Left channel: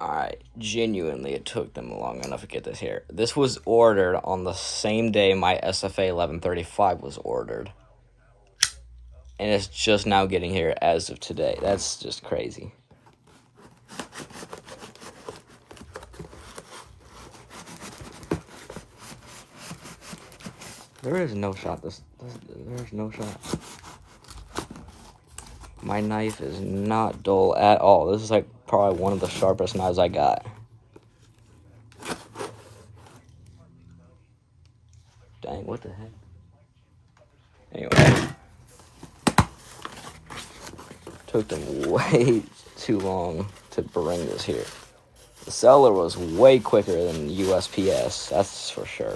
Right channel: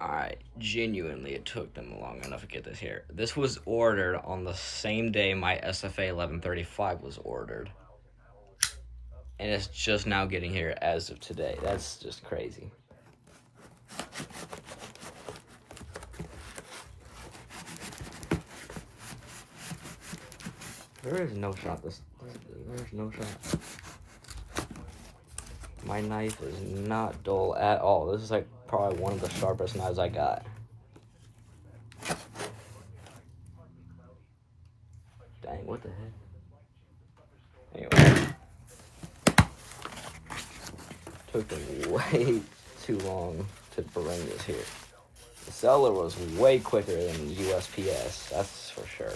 Alright, genuinely, it took them long enough to get this here. This was ordered on the same day my SFA 1135 was ordered. And it's just now getting here as of today. That's just crazy. There is no shot. There's no shot. My knife is not dull at all. This is like probably one of the sharpest knives I got. Dang, what the heck? Anyway. Took them way too long to bring this here. The seller was way quicker than USPS, that's for sure.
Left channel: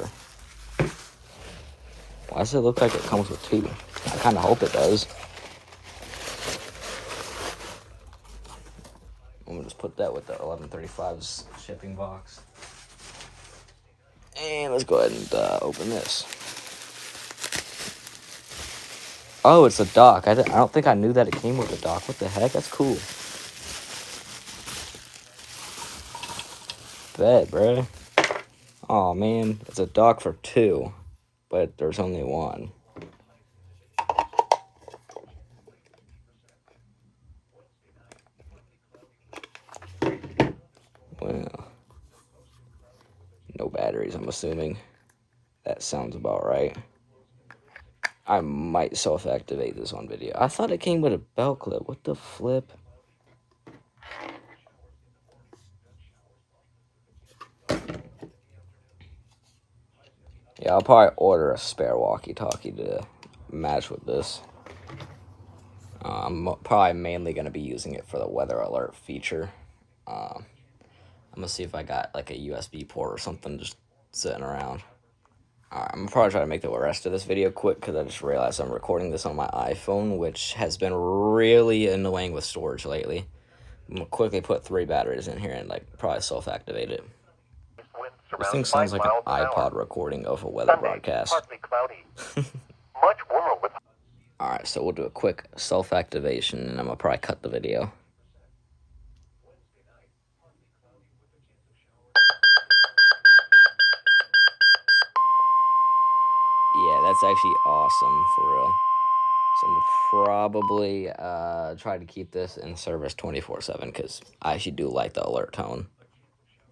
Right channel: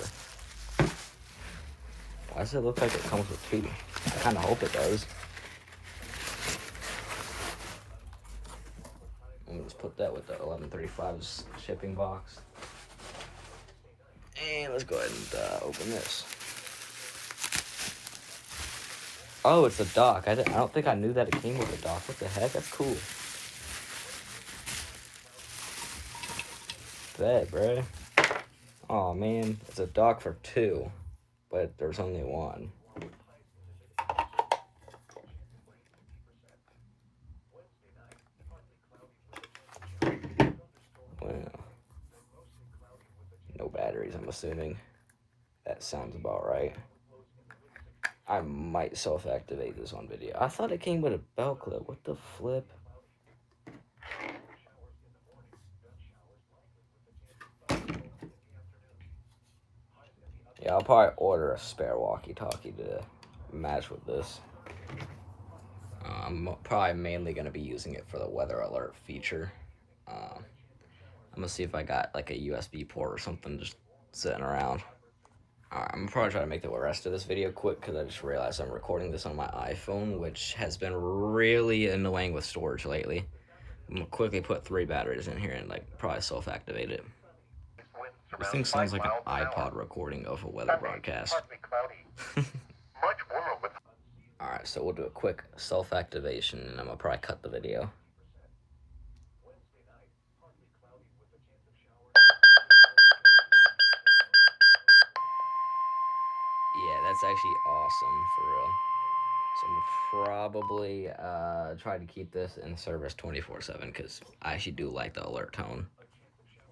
Why does it look like it comes with two? I kind of hope it does. I'm gonna just put that with the 1135's shipping box. And let's go ahead and open this. Oh, it's a dock. I don't think I knew that it came with a dock. What the heck? That's cool. Bet, bruh. Oh man, it's a dock for two, but there's only one. Well, no batteries, I'm assuming. That sounds about right. I might self-activate this on video. I thought it came with a belt clip. What the flip? Yeah, I'll probably order a spare walkie-talkie to match with this. I'm probably mainly going to be using it for the weather alert feature. I'm going to see if I got like a USB port or something just sitting around. Alright, I'm going to probably try to make the rest of this video quick because I just realized I'm recording this on my iPhone, which has been really annoying with storage lately. I'm going to quickly put 3 batteries in here and like probably self-activate it. This thing sounds like an iPod recording of a weather broadcast. Alright, so we'll do a quick self-activation and I'm going to probably cut the video. Yeah, that's actually awesome, for real. So I'm probably try to keep this in service 24/7 because I actually do like the alert tone.